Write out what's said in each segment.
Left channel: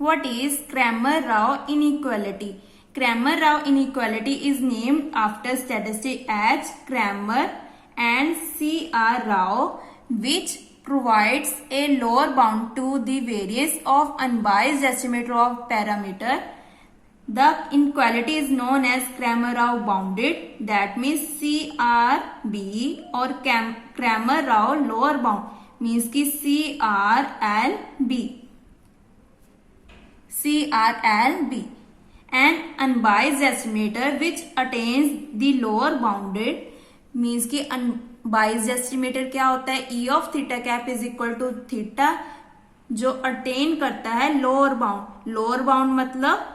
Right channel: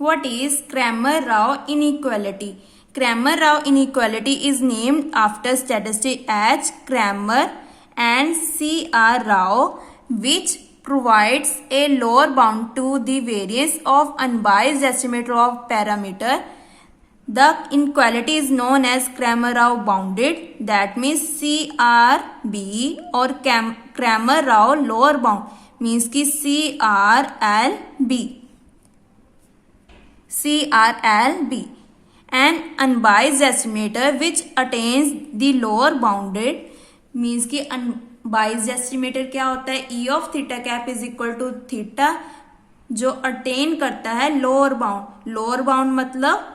What is Cramer-Rao inequality? Cramer-Rao inequality is named after statistician H. Cramer and C. R. Rao, which provides a lower bound to the variance of unbiased estimator of parameter. The inequality is known as Cramer-Rao bounded. That means CRB or Cramer-Rao lower bound means कि CRLB. An unbiased estimator which attains the lower bounded means कि unbiased estimator क्या होता है, E of theta cap is equal to theta, जो attain करता है lower bound. Lower bound मतलब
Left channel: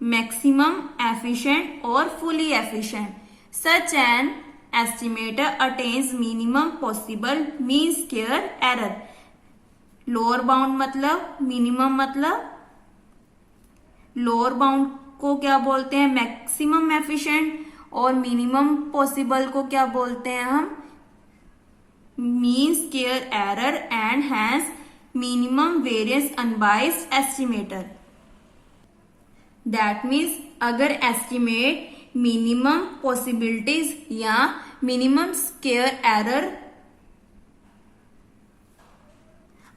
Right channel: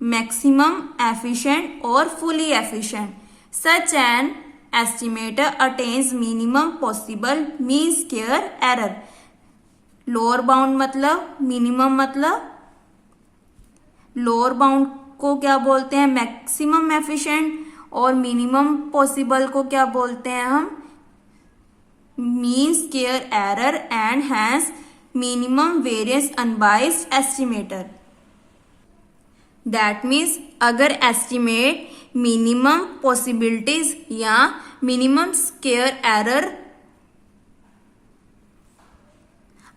maximum efficient और fully efficient. Such an estimator attains minimum possible mean square error. Lower bound मतलब मिनिमम, मतलब लोअर बाउंड को क्या बोलते हैं, मैक्सिमम एफिशिएंट, और मिनिमम पॉसिबल को क्या बोलते हैं हम, mean square error, and hence minimum variance unbiased estimator. That means अगर एस्टिमेट मिनिमम पॉसिबिलिटीज या मिनिमम स्क्वायर एरर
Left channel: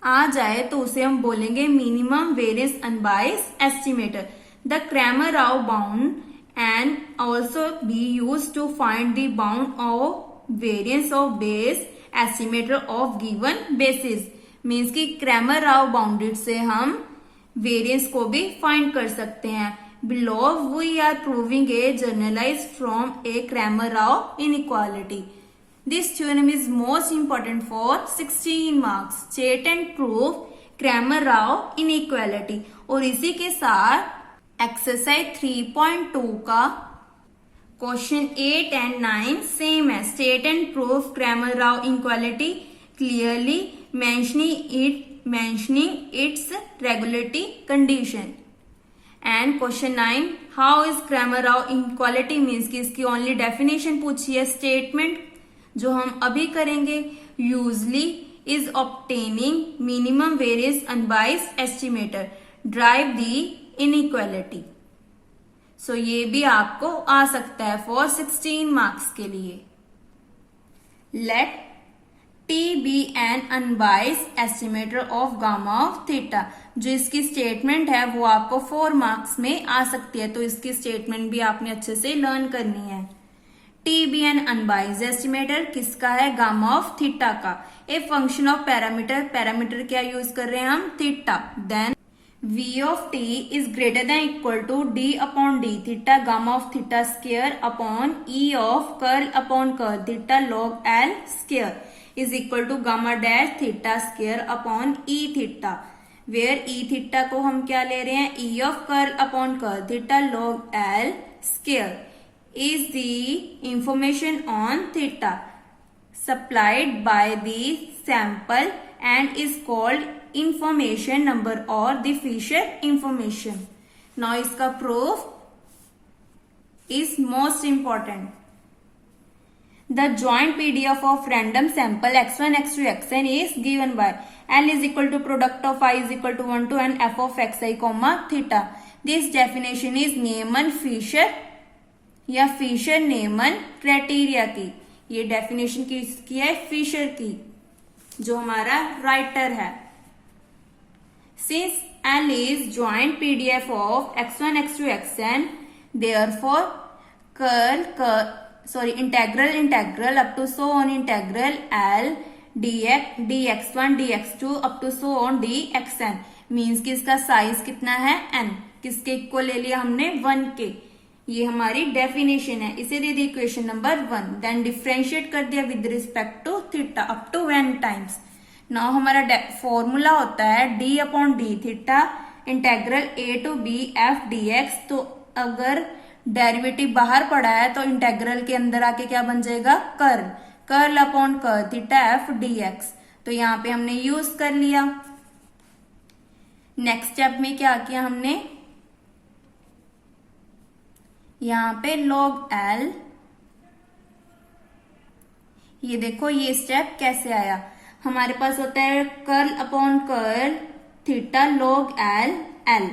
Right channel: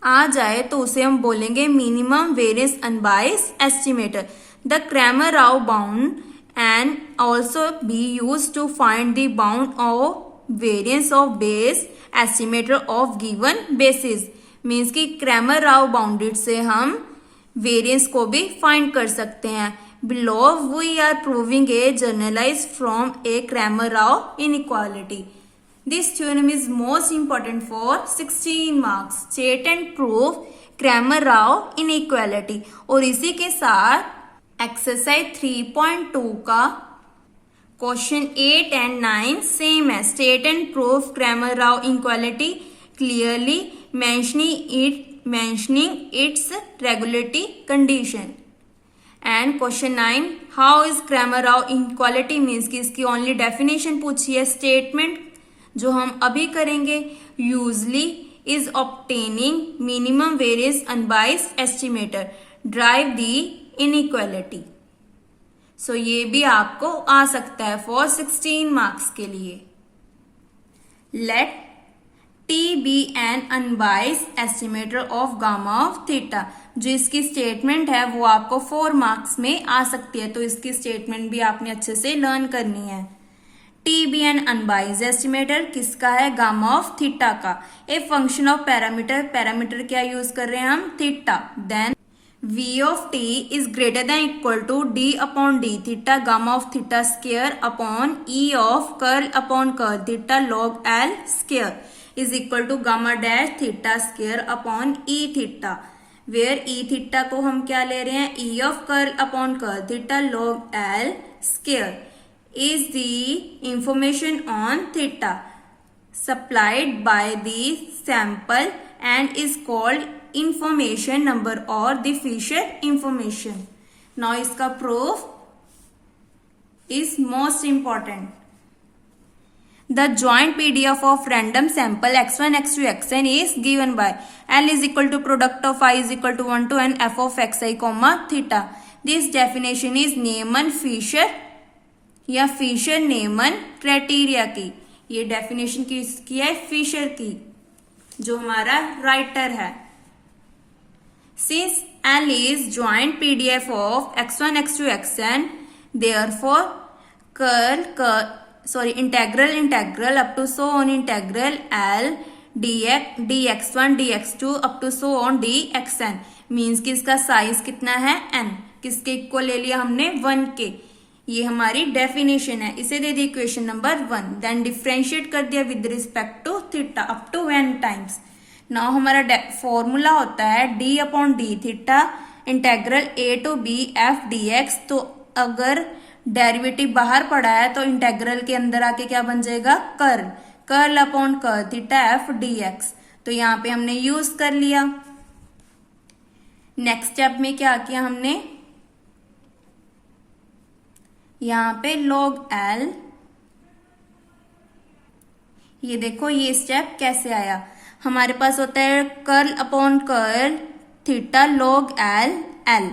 आ जाए तो उसे हम बोलेंगे minimum variance unbiased estimator. The Cramer-Rao bound and also be use to find the bound of variance of base estimator of given basis. Means कि Cramer-Rao bounded से हम वेरिएंस को भी फाइंड कर सकते हैं. Below we are proving a generalise from a Cramer-Rao inequality. This theorem is most important for 16 marks. State and prove Cramer-Rao inequality. और इसी के साथ एक्सरसाइज 3.2 का क्वेश्चन 8 and 9 सेम है. State and prove Cramer-Rao inequality clearly mentioning its regularity condition. And question 9, how is Cramer-Rao inequality means कि इसकी only definition पूछी है. स्टेटमेंट जो हम अभी करेंगे, usually is obtaining minimum variance unbiased estimator derive the inequality. So ये भी आपको आ सकता है फॉर 16 मार्क्स के लिए. Let T be an unbiased estimator of gamma of theta. जो इसकी स्टेटमेंट है वो आपको 4 मार्क्स में आ सकती है, तो इसकी स्टेटमेंट भी आपने अच्छे से लर्न करनी है. T be an unbiased estimator किसका है, गामा ऑफ थीटा का. A function of parameter, parameter क्या यूज कर रहे हैं हम, theta. Then V of T is greater than equal to d upon d theta gamma of theta square upon E of curl upon curl theta log L square is equal to gamma dash theta square upon E theta, where E theta को हम क्या ले रहे हैं, ई of curl upon curl theta log L square is the information on theta supplied by the sample and is called information number or the Fisher information. Now इसका proof is most important. The joint PDF of random sample x1, x2, xn is given by L is equal to product of I is equal to 1 to n f of xi comma theta. This definition is Neyman-Fisher या Fisher Neyman criteria की. ये definition किसकी है, Fisher की, जो हमारा writer है. Since L is joint PDF of x1, x2, xn, therefore integral up to so on integral L dx1 dx2 up to so on dxn means कि इसका साइज कितना है, n. किसके इक्वल ले लिया हमने, 1 के. ये हमारी डेफिनेशन है. इसे दे दी इक्वेशन नंबर 1. देन डिफ्रेंशिएट कर दिया with respect to theta up to n times. Now हमारा फॉर्मूला होता है d upon d theta integral a to b f dx. तो अगर डेरिवेटिव बाहर पड़ा है तो इंटेग्रल के अंदर आके क्या बन जाएगा, curl upon curl theta f dx. तो यहाँ पे हमने यूज कर लिया. नेक्स्ट स्टेप में क्या किया हमने, यहाँ पे log L, ये देखो ये स्टेप कैसे आया. हमारे पास होता है curl upon curl theta log L L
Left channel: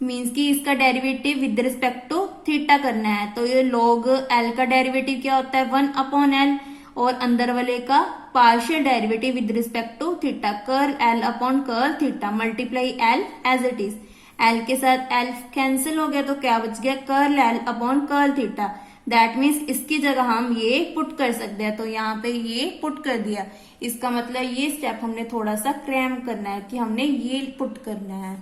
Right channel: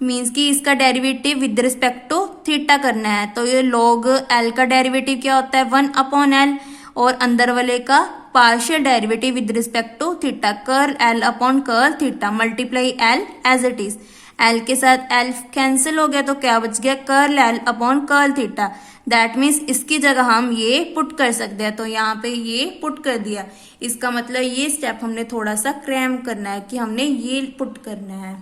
means कि इसका derivative with respect to theta करना है। तो ये लॉग एल का डेरिवेटिव क्या होता है 1/l और अंदर वाले का partial derivative with respect to theta curl L upon curl theta multiply L as it is. L के साथ एल कैंसिल हो गया तो क्या बच गया curl L upon curl theta. That means इसकी जगह हम ये पुट कर सकते हैं, तो यहाँ पे ये पुट कर दिया। इसका मतलब ये स्टेप हमने थोड़ा सा क्रैम करना है कि हमने ये पुट करना है।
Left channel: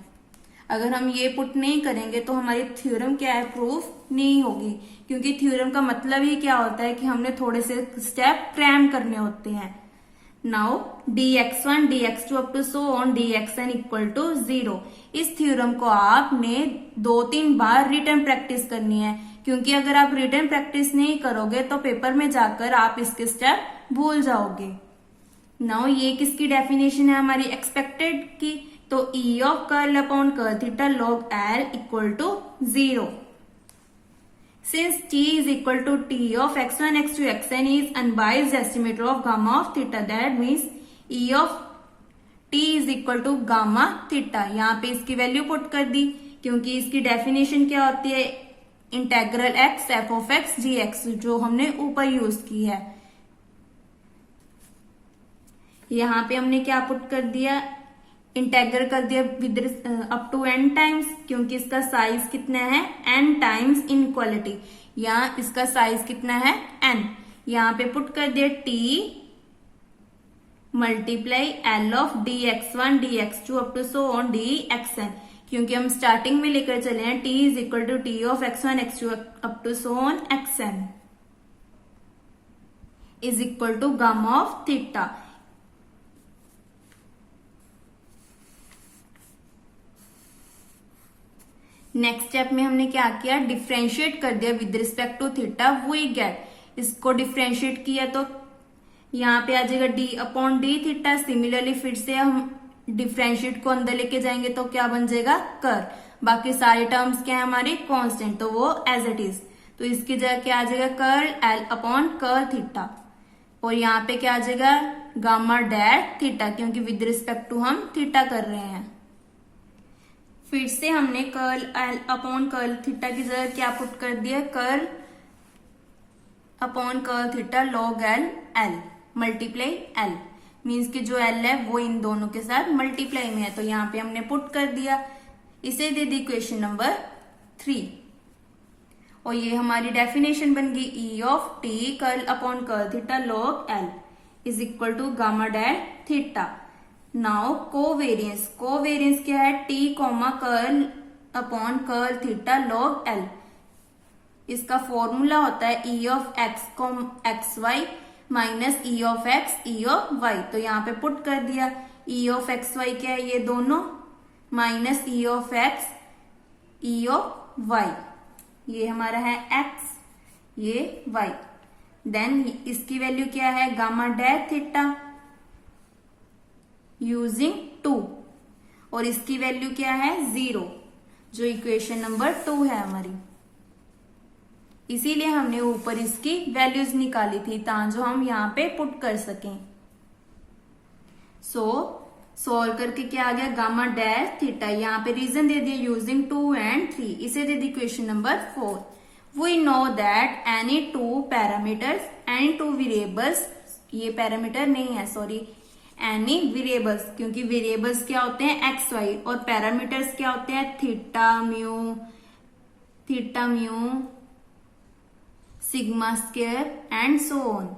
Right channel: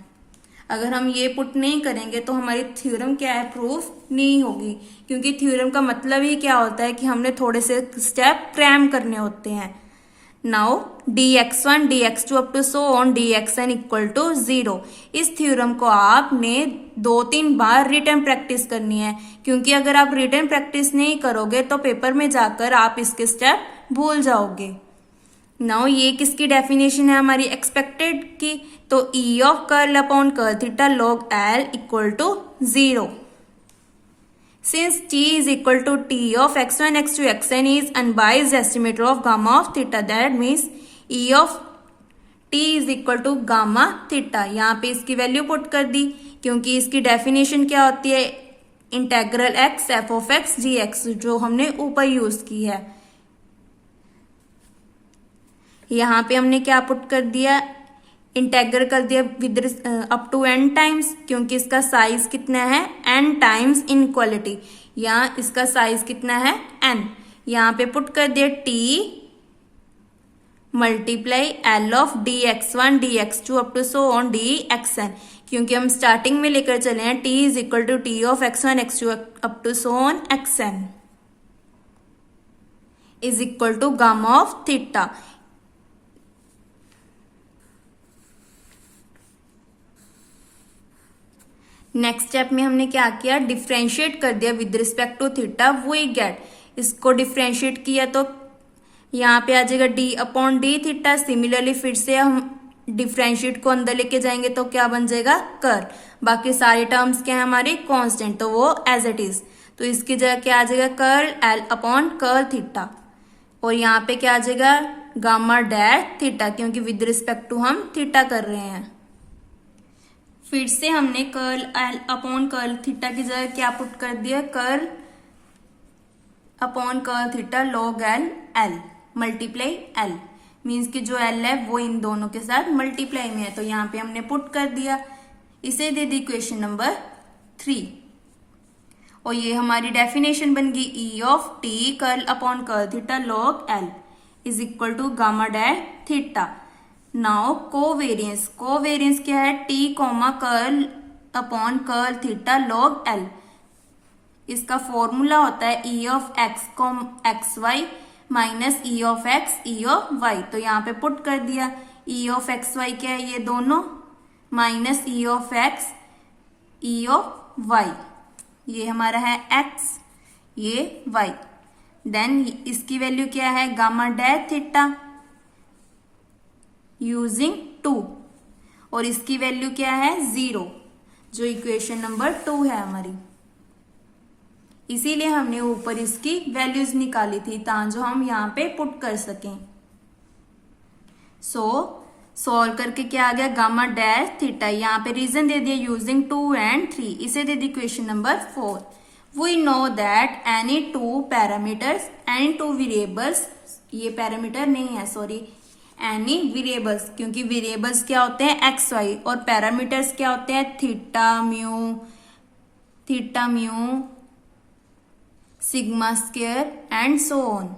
अगर हम ये पुट नहीं करेंगे तो हमारी थ्योरम क्या है प्रूफ नहीं होगी, क्योंकि थ्योरम का मतलब ही क्या होता है कि हमने थोड़े से स्टेप क्रैम करने होते हैं। Now dx1 dx2 up to so on dxn equal to 0। इस थ्योरम को आपने 2-3 बार रिटन प्रैक्टिस करनी है, क्योंकि अगर आप रिटन प्रैक्टिस नहीं करोगे तो पेपर में जाकर आप इसके स्टेप भूल जाओगे। नाउ ये किसकी डेफिनेशन है हमारी एक्सपेक्टेड की, तो E of curl upon curl theta log L equal to 0। Since t is equal to t of x1, x2, xn is unbiased estimator of gamma of theta, that means e of t is equal to gamma theta। यहाँ पे इसकी value put कर दी, क्योंकि इसकी definition क्या होती है integral x f of x dx, जो हमने ऊपर यूज की है। यहाँ पे हमने क्या पुट कर दिया इंटेग्रल कर दिया with up to n times, क्योंकि इसका साइज कितना है n टाइम्स इनइक्वालिटी, यहाँ इसका साइज कितना है n। यहाँ पे पुट कर दिया t multiply l of dx1 dx2 up to so on dxn, क्योंकि हम स्टार्टिंग में लेकर चले हैं t is equal to t of x1 x2 up to so on xn is equal to gamma of theta. Next step में हमने क्या किया डिफ्रेंशिएट कर दिया with respect to theta, we get. इसको डिफ्रेंशिएट किया तो यहाँ पे आ जाएगा d upon d theta. Similarly फिर से हम डिफ्रेंशिएट को अंदर लेके जाएंगे तो क्या बन जाएगा कर। बाकी सारे टर्म्स क्या है हमारे कांस्टेंट, तो वो एज इट इज। तो इसकी जगह क्या आ जाएगा curl L upon curl theta, और यहाँ पे क्या आ जाएगा गामा डैश थीटा, क्योंकि विद रिस्पेक्ट टू हम थीटा कर रहे हैं। फिर से हमने curl L upon curl theta की जगह क्या पुट कर दिया curl upon curl theta log L L multiply L, means कि जो एल है वो इन दोनों के साथ मल्टीप्लाई में है, तो यहाँ पे हमने पुट कर दिया। इसे दे दी इक्वेशन नंबर 3, और ये हमारी डेफिनेशन बन गई E of T curl upon curl theta log L is equal to gamma dash theta. Now covariance, covariance क्या है t comma curl upon curl theta log L. इसका फॉर्मूला होता है e of x comma x y minus e of x e of y। तो यहाँ पे put कर दिया e ऑफ एक्स वाई क्या है ये दोनों minus e of x e of y, ये हमारा है x ये y। देन इसकी वैल्यू क्या है गामा डैश थीटा यूजिंग 2, और इसकी वैल्यू क्या है 0, जो इक्वेशन नंबर 2 है हमारी। इसीलिए हमने ऊपर इसकी वैल्यूज निकाली थी ताकि हम यहाँ पे पुट कर सकें। सॉल्व करके क्या आ गया गामा डैश थीटा, यहाँ पे रीजन दे दिया यूजिंग 2 and 3। इसे दे दी equation number 4। We know that any two parameters any two variables, ये पैरामीटर नहीं है सॉरी एनी वेरिएबल्स, क्योंकि वेरिएबल्स क्या होते हैं एक्स वाई और पैरामीटर्स क्या होते हैं theta mu sigma square and so on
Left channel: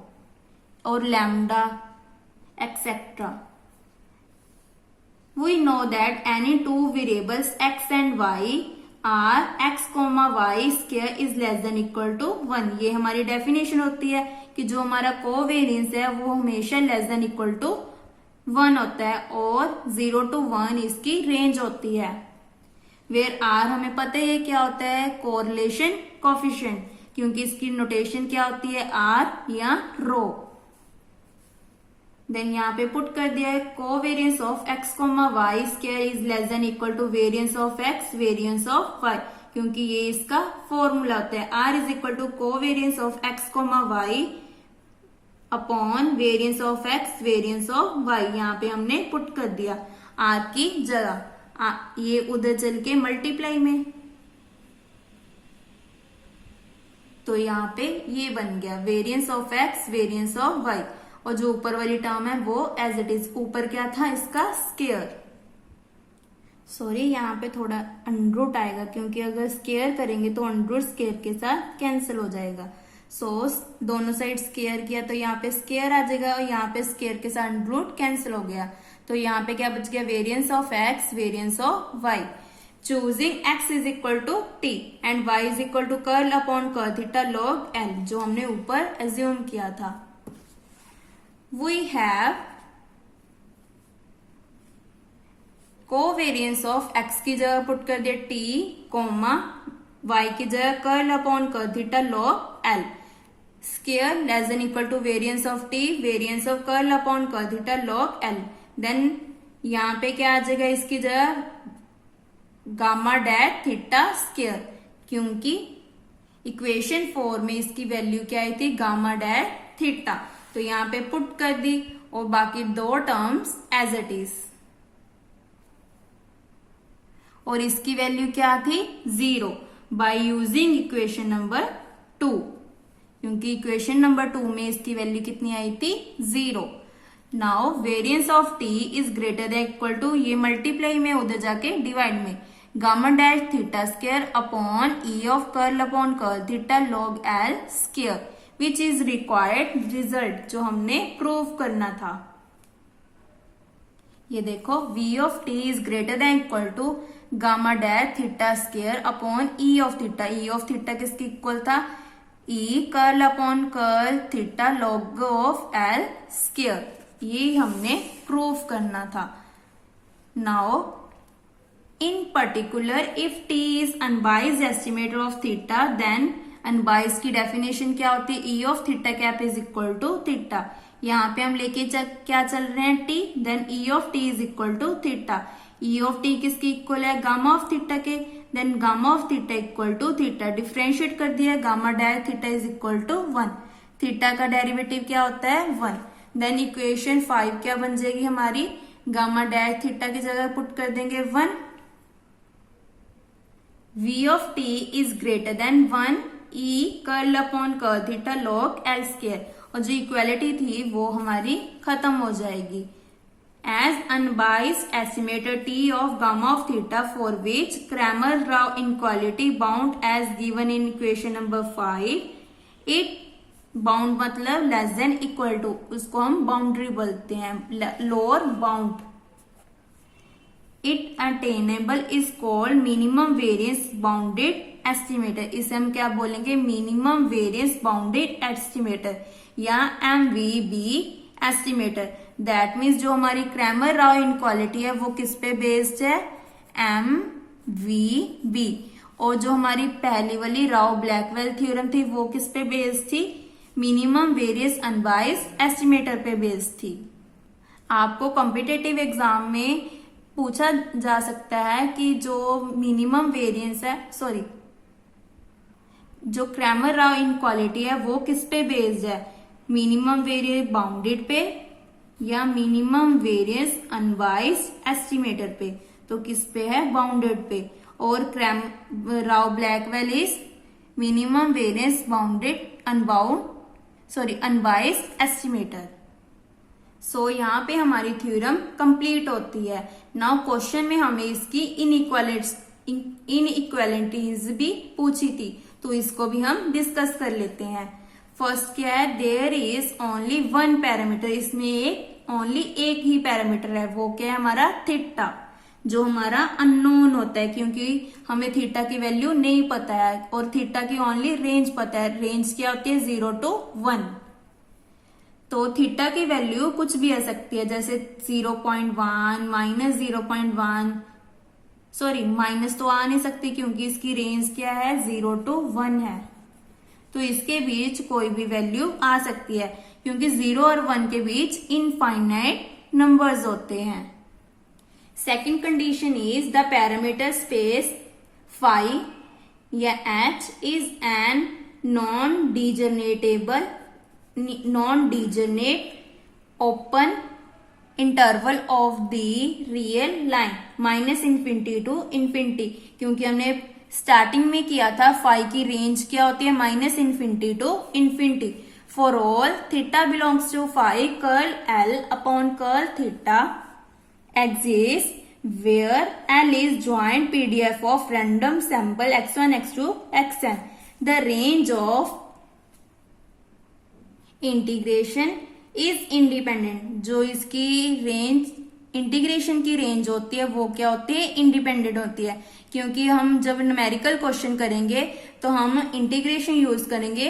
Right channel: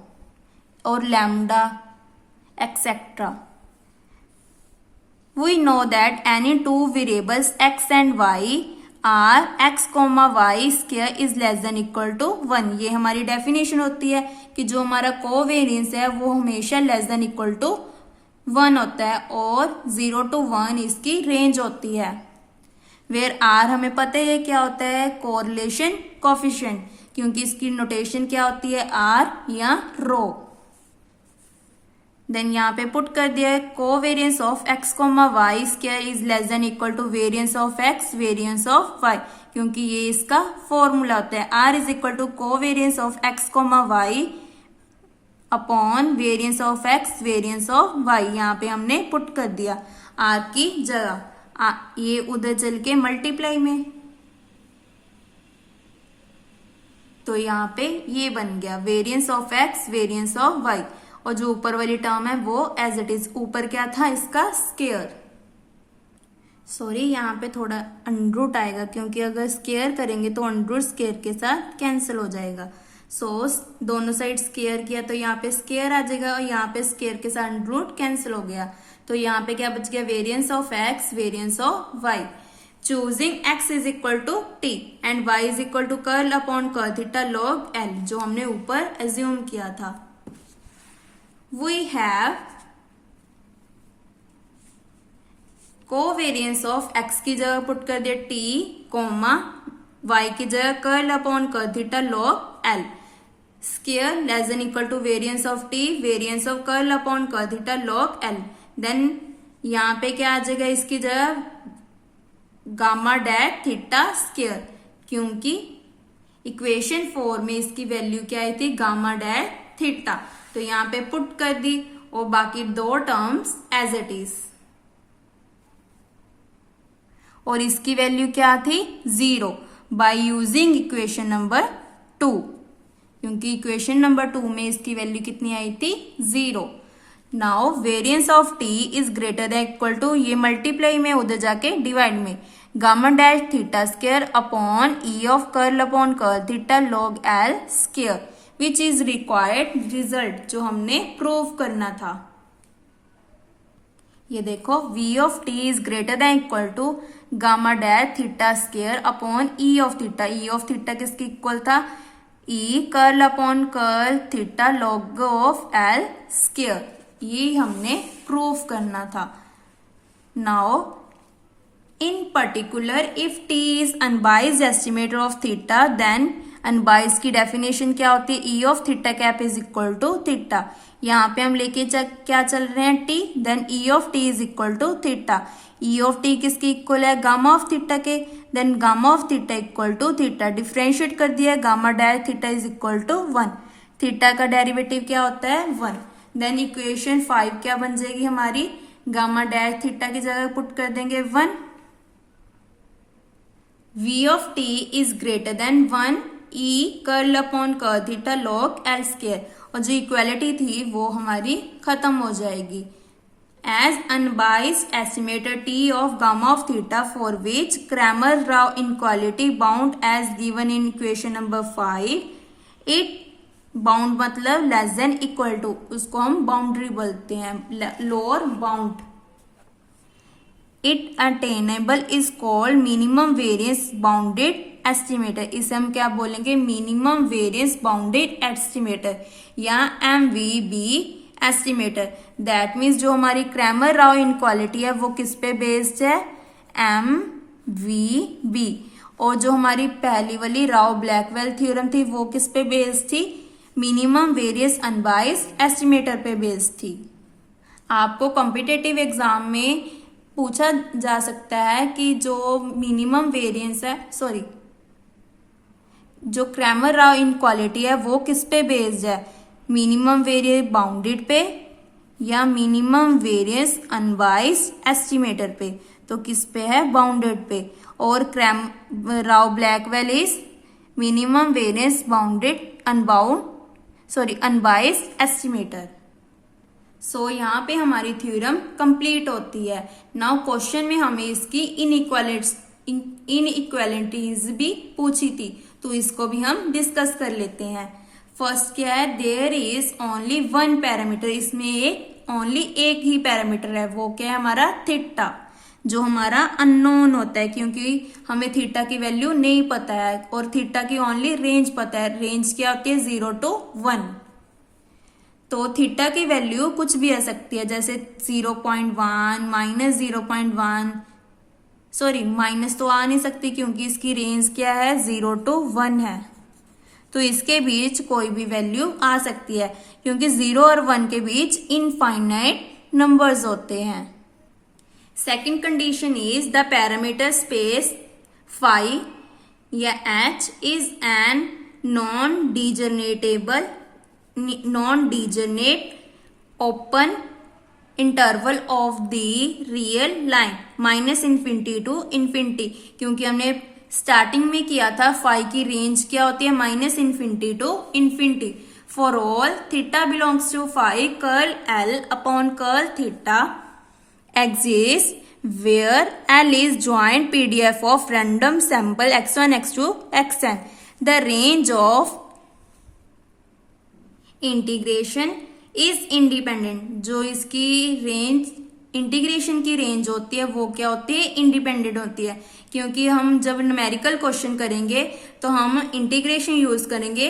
और lambda etcetera. We know that any two variables x and y are x comma y square is less than equal to 1। ये हमारी definition होती है कि जो हमारा कोवेरियंस है वो हमेशा लेस देन इक्वल टू 1 होता है, और 0 to 1 इसकी रेंज होती है। वेयर आर हमें पता है क्या होता है कोरिलेशन कोफिशिएंट, क्योंकि इसकी नोटेशन क्या होती है आर या रो। देन यहाँ पे पुट कर दिया है covariance of x comma y square is less than equal to variance of x variance of y, क्योंकि ये इसका फॉर्मूला होता है r is equal to covariance of x comma y upon variance of x variance of y. यहाँ पे हमने put कर दिया। आर की जगह, ये उधर चल के मल्टीप्लाई में, तो यहाँ पे ये बन गया variance of x variance of y, और जो ऊपर वाली टर्म है वो एज इट इज, ऊपर क्या था इसका स्केयर, सॉरी यहाँ पे थोड़ा अंडरूट आएगा क्योंकि अगर स्केयर करेंगे तो अंडरूट स्केयर के साथ कैंसिल हो जाएगा। सो दोनों साइड स्केयर किया तो यहाँ पे स्केयर आ जाएगा और यहाँ पे स्केयर के साथ अंडरूट कैंसिल हो गया, तो यहाँ पे क्या बच गया variance of x variance of y. Choosing x is equal to T and y is equal to curl upon curl theta log l, जो हमने ऊपर एज्यूम किया था। We have covariance of x की जगह पुट कर दिया t, कोमा y की जगह curl upon curl theta log l, square less than equal to variance of t variance of curl upon curl theta log l। Then यहाँ पे क्या आ जाएगा इसकी जगह गामा डैट थीटा स्केयर, क्योंकि इक्वेशन 4 में इसकी वैल्यू क्या आई थी गामा डैट थीटा, तो यहाँ पे पुट कर दी और बाकी दो टर्म्स एज इट इज, और इसकी वैल्यू क्या थी 0 बाय यूजिंग इक्वेशन नंबर 2, क्योंकि इक्वेशन नंबर 2 में इसकी वैल्यू कितनी आई थी 0। Now variance of t is greater than equal to, ये मल्टीप्लाई में उधर जाके डिवाइड में, gamma dash theta square upon E of curl upon curl theta log L square, which is required result जो हमने प्रूव करना था। ये देखो v of t is greater than equal to gamma dash theta square upon E of theta, E of theta किसके equal था E curl upon curl theta log of L square, ये हमने प्रूव करना था। Now in particular if t is unbiased estimator of theta then unbiased की definition क्या होती है E of theta cap is equal to theta, यहाँ पे हम लेके क्या चल रहे हैं t, then E of t is equal to theta, E of t किसकी इक्वल है गामा ऑफ थीटा के, then gamma of theta equal to theta, differentiate कर दिया gamma die theta is equal to 1, थीटा का डेरिवेटिव क्या होता है 1, देन इक्वेशन 5 क्या बन जाएगी हमारी गामा डैश थीटा की जगह पुट कर देंगे 1, v of t is greater than 1 e curl upon curl theta log L square, और जो इक्वालिटी थी वो हमारी खत्म हो जाएगी। As unbiased estimated t of gamma of theta for which Cramer Rao inequality bound as given in equation number 5, it bound मतलब less than equal to, उसको हम बाउंड्री बोलते हैं lower bound, it attainable is called minimum variance bounded estimator, इसे हम क्या बोलेंगे minimum variance bounded estimator या MVB एस्टिमेटर। दैट मीन्स जो हमारी क्रैमर राव इनक्वालिटी है वो किस पे बेस्ड है MVB, और जो हमारी पहली वाली राव ब्लैकवेल थ्योरम थी वो किस पे बेस्ड थी मिनिमम वेरिएंस अनबाइज्ड एस्टिमेटर पे बेस्ड थी। आपको कॉम्पिटिटिव एग्जाम में पूछा जा सकता है कि जो मिनिमम वेरिएंस है सॉरी जो क्रैमर राव इनक्वालिटी है वो किस पे बेस्ड है मिनिमम वेरिएंस बाउंडेड पे या मिनिमम वेरिएंस अनबाइज्ड एस्टिमेटर पे, तो किस पे है बाउंडेड पे, और Rao Blackwell is minimum variance bounded unbiased estimator. So यहाँ पे हमारी थ्योरम कंप्लीट होती है। नाउ क्वेश्चन में हमें इसकी इनइक्वालिटीज भी पूछी थी, तो इसको भी हम डिस्कस कर लेते हैं। फर्स्ट क्या है there is only one parameter, इसमें ओनली एक ही पैरामीटर है, वो क्या है हमारा थीटा, जो हमारा अननोन होता है क्योंकि हमें थीटा की वैल्यू नहीं पता है और थीटा की ओनली रेंज पता है। रेंज क्या होती है 0 to 1, तो थीटा की वैल्यू कुछ भी आ सकती है जैसे 0.1 -0.1, सॉरी माइनस तो आ नहीं सकती क्योंकि इसकी रेंज क्या है 0 to 1 है, तो इसके बीच कोई भी वैल्यू आ सकती है क्योंकि 0 और 1 के बीच इनफाइनाइट नंबर्स होते हैं। Second condition is the parameter space phi या h is an non degenerate open interval of the real line minus infinity to infinity, क्योंकि हमने स्टार्टिंग में किया था फाई की रेंज क्या होती है minus infinity to infinity. For all theta belongs to phi curl L upon curl theta exists where L is joint PDF of random sample x1, x2, xn. The range of integration is independent. जो इसकी range integration की range होती है वो क्या होती है independent होती है, क्योंकि हम जब न्यूमेरिकल क्वेश्चन करेंगे तो हम इंटीग्रेशन यूज करेंगे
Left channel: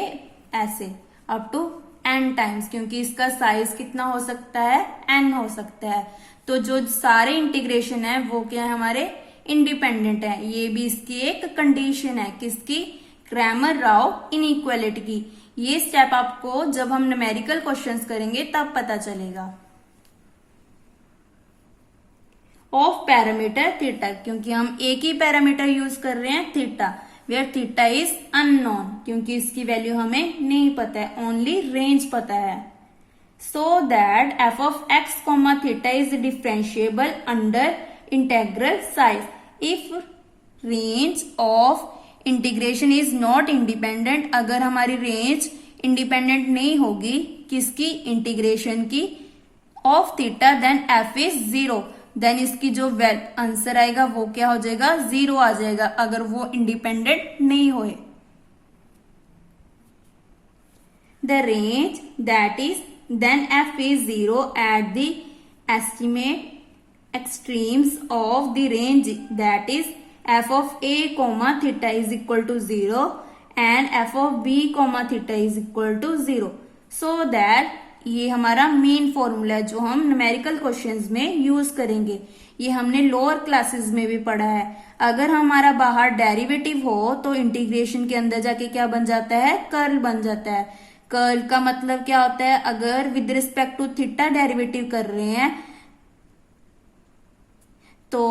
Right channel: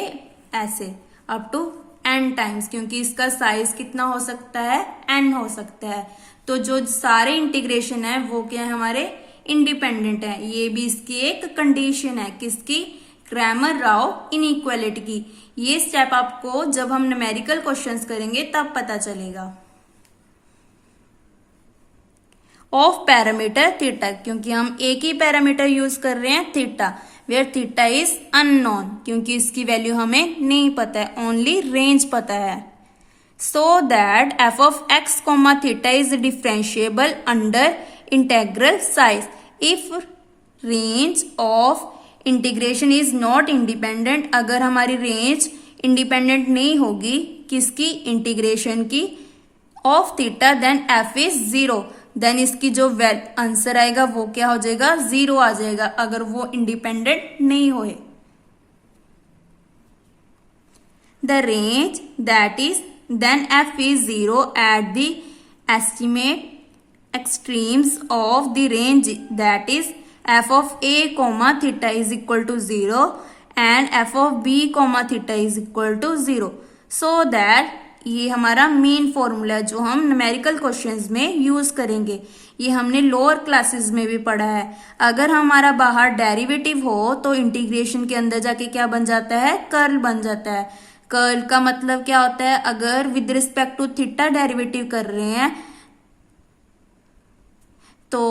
ऐसे अप टू n टाइम्स, क्योंकि इसका साइज कितना हो सकता है n हो सकता है। तो जो सारे इंटीग्रेशन है वो क्या है हमारे इंडिपेंडेंट है। ये भी इसकी एक कंडीशन है किसकी, क्रैमर राव इनइक्वालिटी की। ये स्टेप आपको जब हम न्यूमेरिकल क्वेश्चंस करेंगे तब पता चलेगा। ऑफ पैरामीटर थीटा, क्योंकि हम एक ही पैरामीटर यूज कर रहे हैं theta, where theta is unknown, क्योंकि इसकी वैल्यू हमें नहीं पता है, ओनली रेंज पता है। So that f of x comma theta is differentiable under integral size if range of integration is not independent। अगर हमारी रेंज इंडिपेंडेंट नहीं होगी किसकी इंटीग्रेशन की of theta, then f is 0, then इसकी जो आंसर आएगा वो क्या हो जाएगा 0 आ जाएगा अगर वो इंडिपेंडेंट नहीं होए। The range that is then f is 0 at the estimate extremes of the range, that is f of a comma theta is equal to 0 and f of b comma theta is equal to 0, so that ये हमारा main formula है जो हम numerical questions में use करेंगे। ये हमने lower classes में भी पढ़ा है। अगर हमारा बाहर डेरिवेटिव हो तो इंटीग्रेशन के अंदर जाके क्या बन जाता है, कर्ल बन जाता है। कर्ल का मतलब क्या होता है, अगर with respect to theta derivative कर रहे हैं तो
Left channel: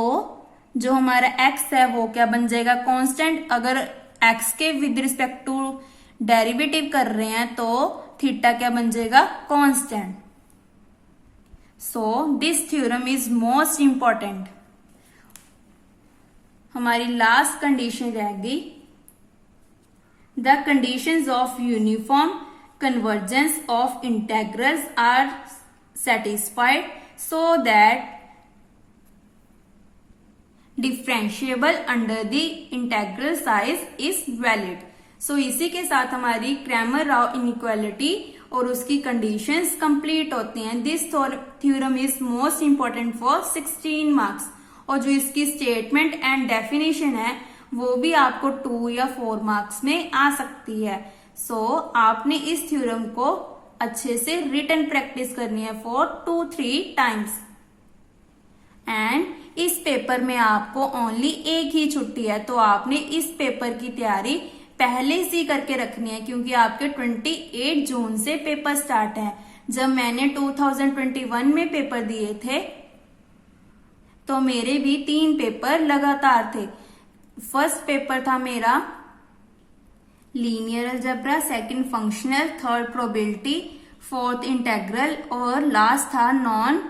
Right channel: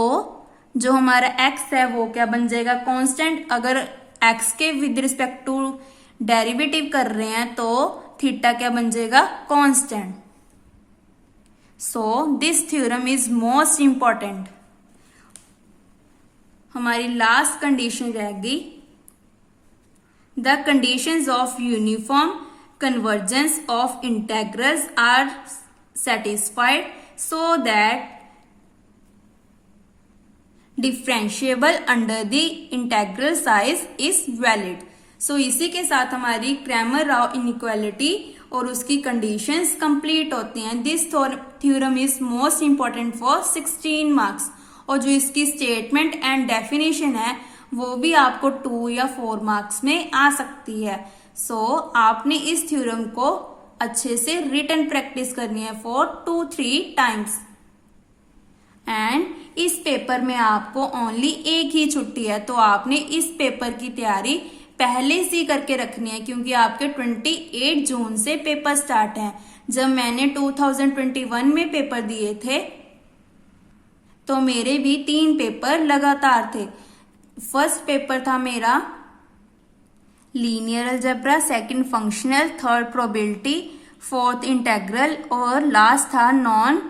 जो हमारा x है वो क्या बन जाएगा कांस्टेंट, अगर x के विद रिस्पेक्ट टू डेरिवेटिव कर रहे हैं तो थीटा क्या बन जाएगा constant. So this theorem is most important. हमारी लास्ट कंडीशन रहेगी the conditions of uniform convergence of integrals are satisfied so that differentiable under the integral size is valid। so इसी के साथ हमारी क्रैमर राव इनइक्वालिटी और उसकी कंडीशंस कंप्लीट होती हैं। This theorem is most important for 16 marks, और जो इसकी स्टेटमेंट एंड डेफिनेशन है वो भी आपको 2 या 4 मार्क्स में आ सकती है। आपने इस थ्योरम को अच्छे से रिटन प्रैक्टिस करनी है फॉर 2-3 टाइम्स। एंड इस पेपर में आपको ओनली एक ही छुट्टी है, तो आपने इस पेपर की तैयारी पहले से करके रखनी है, क्योंकि आपके 28 जून से पेपर स्टार्ट है। जब मैंने 2021 में पेपर दिए थे तो मेरे भी 3 पेपर लगातार थे। फर्स्ट पेपर था मेरा linear algebra, second functional, third probability, fourth integral और लास्ट था नॉन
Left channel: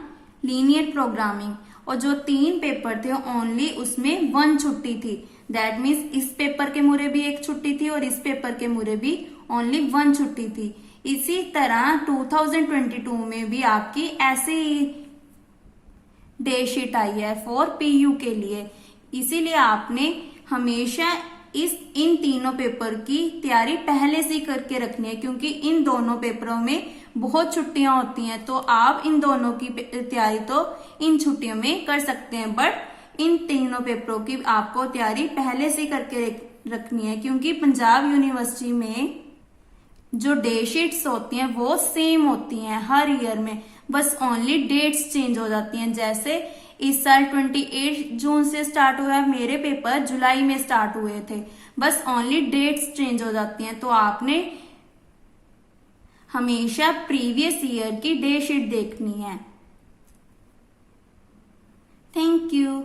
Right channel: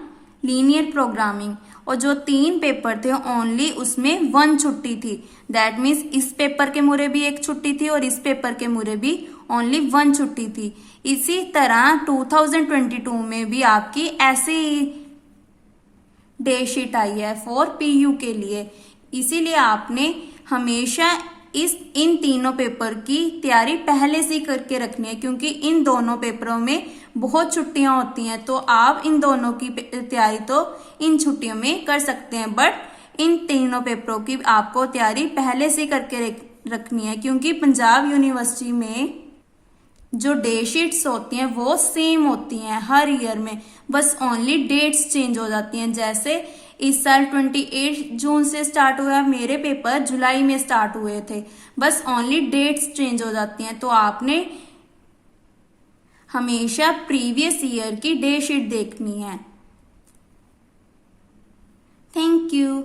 लीनियर प्रोग्रामिंग। और जो 3 पेपर थे ओनली उसमें 1 छुट्टी थी, दैट मीन्स इस पेपर के मुरे भी एक छुट्टी थी और इस पेपर के मुरे भी ओनली 1 छुट्टी थी। इसी तरह 2022 में भी आपकी ऐसी डे शीट आई है फॉर पीयू के लिए। इसीलिए आपने हमेशा इन तीनों पेपर की तैयारी पहले से करके रखनी है, क्योंकि इन दोनों पेपरों में बहुत छुट्टियां होती हैं। तो आप इन दोनों की तैयारी तो इन छुट्टियों में कर सकते हैं, बट इन तीनों पेपरों की आपको तैयारी पहले से करके रखनी है, क्योंकि पंजाब यूनिवर्सिटी में जो डे शीट्स होती हैं वो सेम होती हैं हर ईयर में, बस ओनली डेट्स चेंज हो जाती हैं। जैसे इस साल 28 जून से स्टार्ट हुआ है, मेरे पेपर जुलाई में स्टार्ट हुए थे, बस ओनली डेट्स चेंज हो जाती हैं। तो आपने हमेशा प्रीवियस ईयर की डे शीट देखनी है। Thank you.